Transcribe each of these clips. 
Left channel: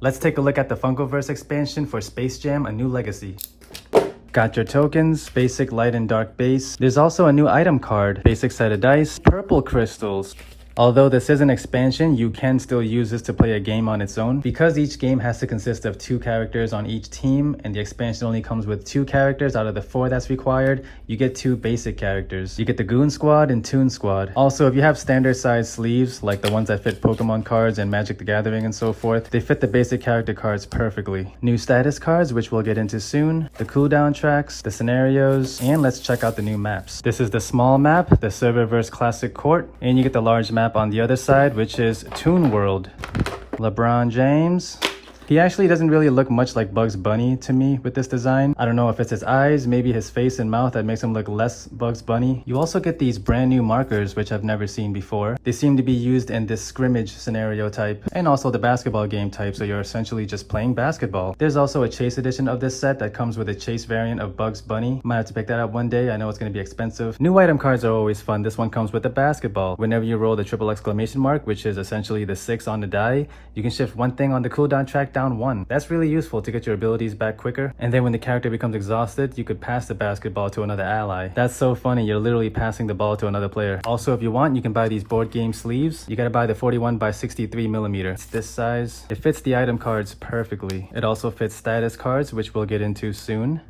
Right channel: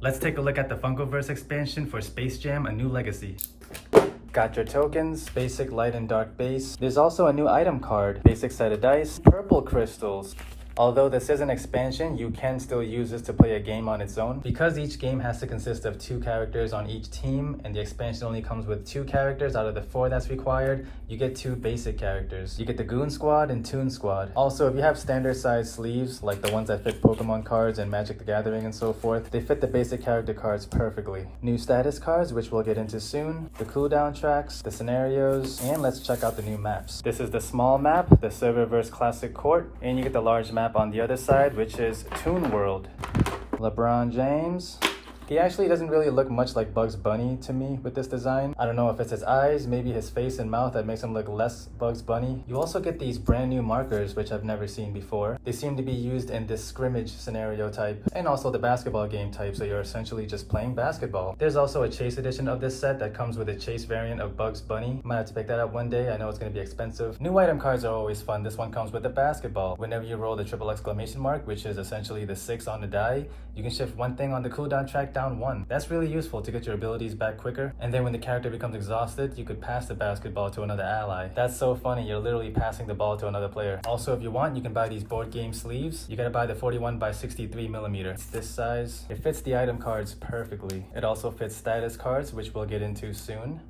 Let's take a look at the Funkoverse expansion for Space Jam: A New Legacy. Got your tokens, basic light and dark base. There's also a new item card, basic set of dice, purple crystals. Although this is an expansion, you can still use this to play a game on its own. Because each game has to consist of 2 characters on each team, and the expansion only comes with 2 characters out of the 4 that's required, you get 2 basic characters. You get the Goon Squad and Toon Squad. Also, if you have standard size sleeves, like the ones that fit Pokemon cards and Magic the Gathering and so forth, they fit the basic character cards perfectly. New status cards, which we'll get into soon, the cooldown tracks, the scenarios, and let's check out the new maps. This is the small map, the Serververse Classic Court, and you get the large map on the other side, which is Toon World. LeBron James. He actually doesn't really look much like Bugs Bunny to me with this design. I don't know if it's his eyes, maybe his face and mouth that makes him look less Bugs Bunny. You also get these brand new markers, which I've never seen before. They seem to be used in this scrimmage scenario type and also the basketball game type, so you're essentially just playing basketball. There's also a chase edition of this set that comes with a chase variant of Bugs Bunny. Might have to pick that up one day. I know it's going to be expensive. New item cards are always fun. This one comes with a basketball. Whenever you roll the triple exclamation mark, which is essentially the 6 on the die, you can shift one thing on the cooldown track down 1. That's really useful to get your abilities back quicker. And then when the character becomes exhausted, you could pass the basketball to another ally. That's so funny, you're literally passing the ball to another player. Also, if you want, you can buy these board game sleeves. You gotta buy the 41 by 63 millimeter. It's this size. It fits the item cards perfectly. It also fits status cards, which we'll get into soon.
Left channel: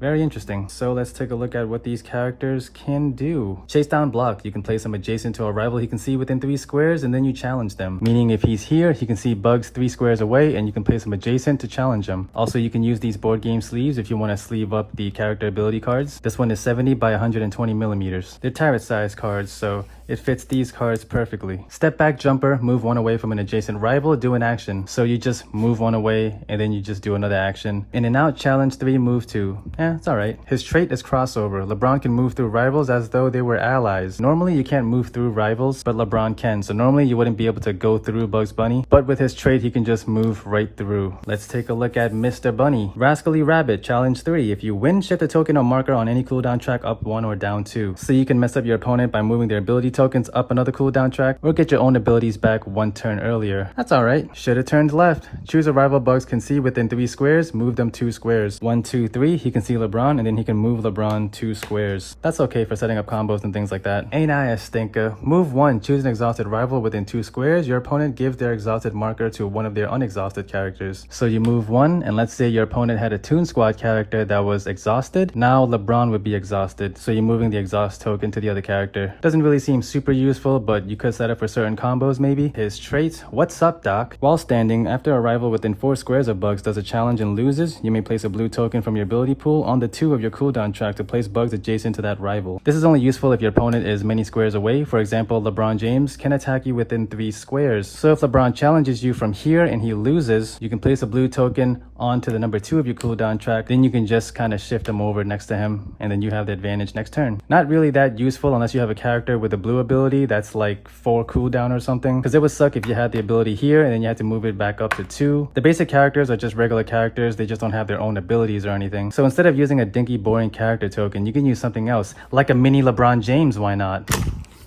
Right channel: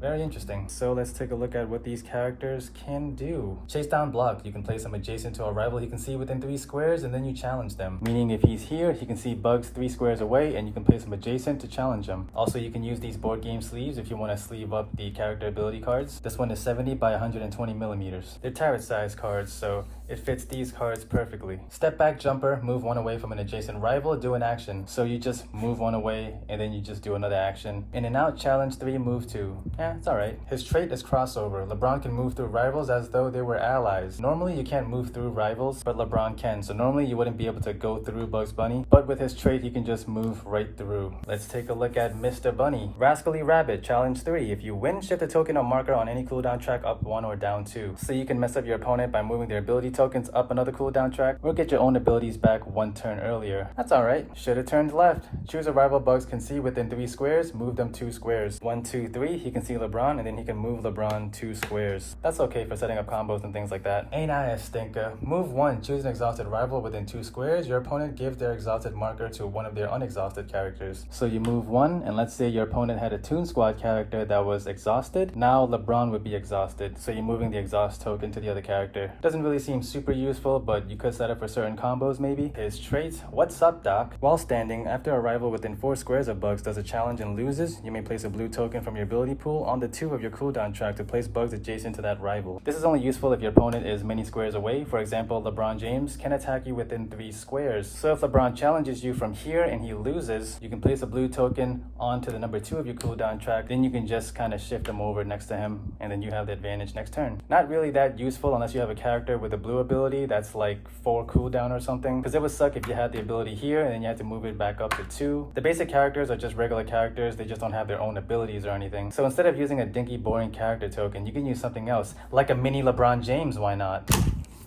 Very interesting. So let's take a look at what these characters can do. Chase down block. You can place him adjacent to a rival he can see within 3 squares, and then you challenge them. Meaning if he's here, he can see Bugs 3 squares away, and you can place him adjacent to challenge him. Also, you can use these board game sleeves if you want to sleeve up the character ability cards. This one is 70 by 120 millimeters. They're tarot size cards, so it fits these cards perfectly. Step back jumper, move one away from an adjacent rival, do an action. So you just move one away, and then you just do another action. In and out, challenge 3, move 2. It's alright. His trait is crossover. LeBron can move through rivals as though they were allies. Normally you can't move through rivals, but LeBron can. So normally you wouldn't be able to go through Bugs Bunny, but with his trait he can just move right through. Let's take a look at Mr. Bunny. Rascally Rabbit, challenge 3. If you win, shift a token or marker on any cooldown track up 1 or down 2. So you can mess up your opponent by moving their ability tokens up another cooldown track, or get your own abilities back 1 turn earlier. That's alright. Should have turned left. Choose a rival Bugs can see within 3 squares, move them 2 squares. 1, 2, 3, he can see LeBron, and then he can move LeBron 2 squares. That's okay for setting up combos and things like that. Ain't I a stinker? Move 1, choose an exhausted rival within 2 squares. Your opponent gives their exhausted marker to one of their unexhausted characters. So you move 1, and let's say your opponent had a Toon Squad character that was exhausted. Now LeBron would be exhausted, so you're moving the exhaust token to the other character. Doesn't really seem super useful, but you could set up for certain combos maybe. His trait, what's up doc? While standing, after a rival within 4 squares of Bugs does a challenge and loses, you may place a blue token from your ability pool on the 2 of your cooldown track to place Bugs adjacent to that rival. This is only useful if your opponent is many squares away. For example, LeBron James can attack you within 3 squares. So if LeBron challenges you from here and he loses, you can place a blue token onto the number 2 of your cooldown track. Then you can just kind of shift him over next to him, and then you have the advantage next turn. Not really that useful unless you have a character with a blue ability that's like 4 cooldown or something, because it would suck if you had the ability here and then you had to move it back up to 2. The basic characters are just regular characters. They just don't have their own abilities or anything. So instead of using a dinky boring character token, you can use something else, like a mini LeBron James. Why not?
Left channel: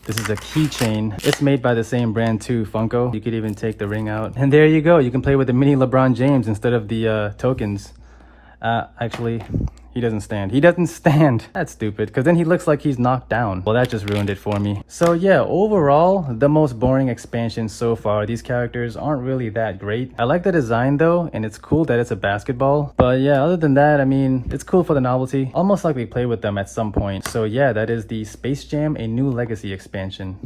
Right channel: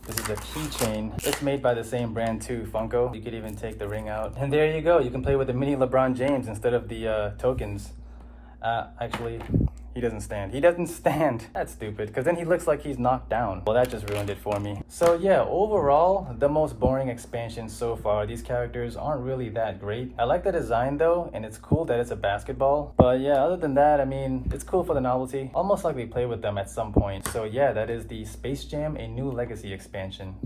This is a keychain. It's made by the same brand too, Funko. You could even take the ring out, and there you go. You can play with the mini LeBron James instead of the tokens. Actually, he doesn't stand. He doesn't stand. That's stupid, because then he looks like he's knocked down. Well, that just ruined it for me. So yeah, overall, the most boring expansion so far. These characters aren't really that great. I like the design though, and it's cool that it's a basketball. But yeah, other than that, I mean, it's cool for the novelty. Almost like we play with them at some point. So yeah, that is the Space Jam: A New Legacy expansion.